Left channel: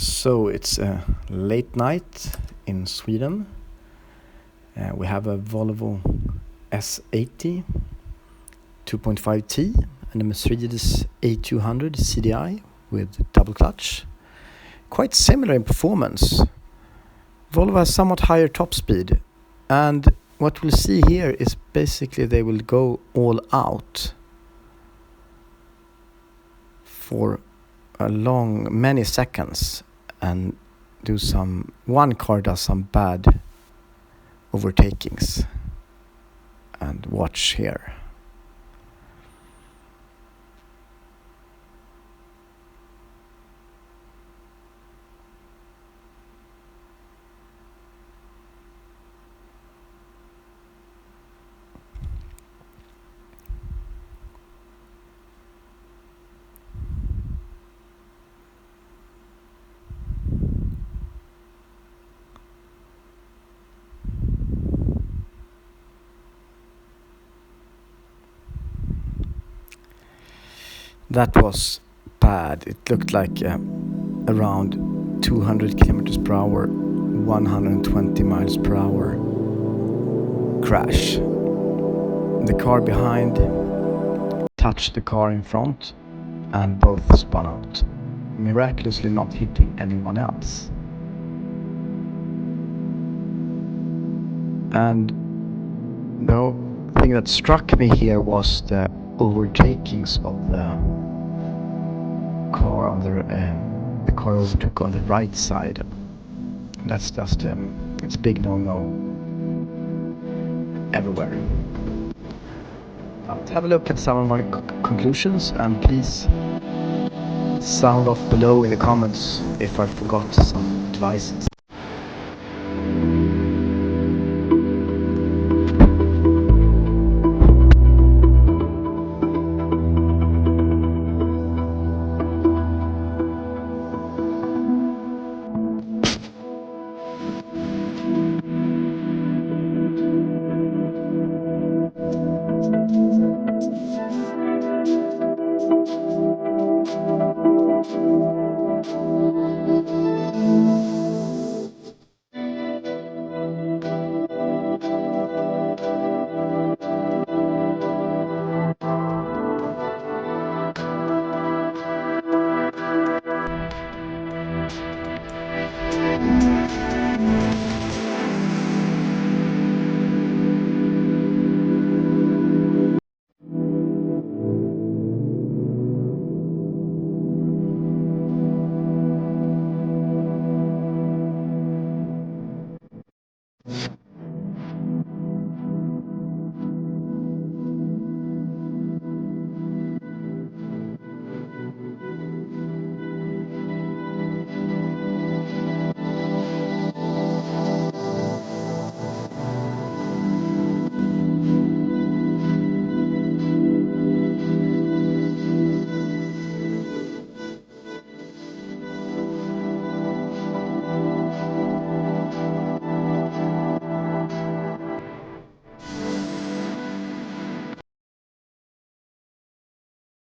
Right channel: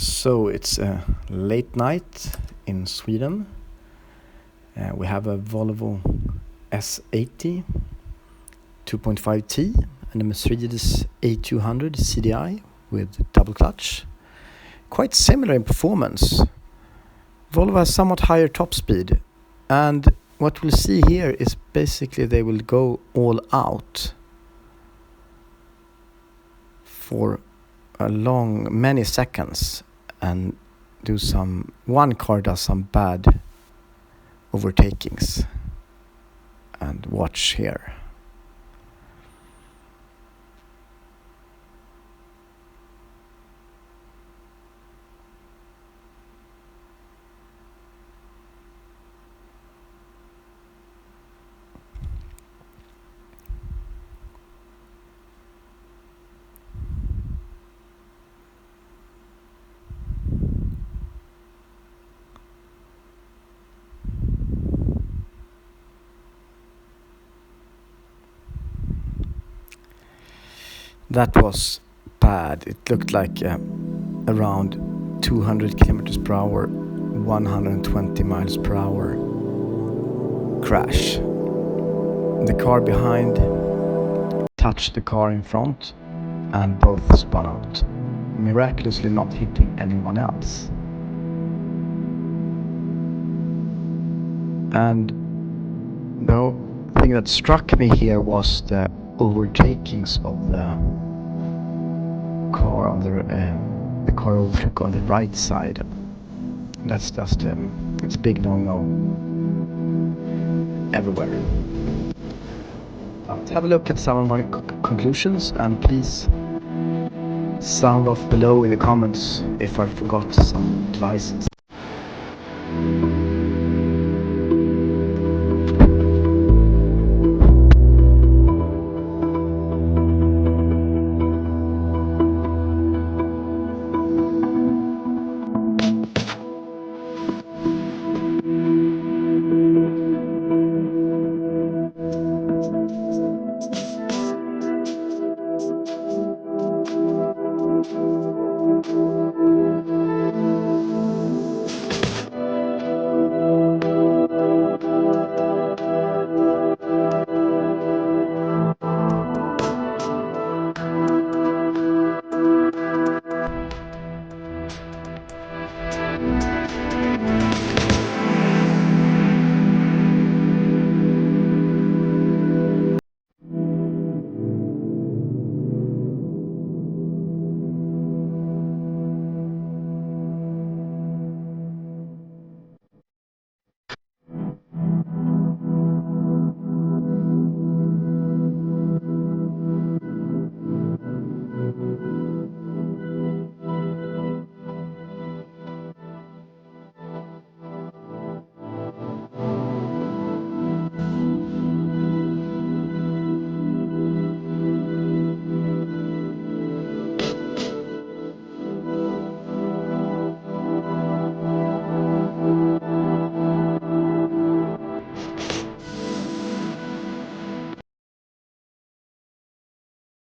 So it's a late night in Sweden. We have a Volvo S80 2.5T and a Mercedes A200 CDI with double clutch. Quite similar in performance. Volvo has somewhat higher top speed, and what we'll see here is basically they will go all out for many seconds and one car does some bad overtakings. And watch here. That was bad. It looked like around 200 kilometers per hour, 120 miles per hour crash. The car behind touched the car in front and both spun out, miraculously not hitting anyone else. And the thing that struck me here was the overtakings of the car on the car overtook on the right side. That's just it's a big no-no everywhere. Have a look at some of my conclusions, and please sound off below in the comments if I forgot some advice.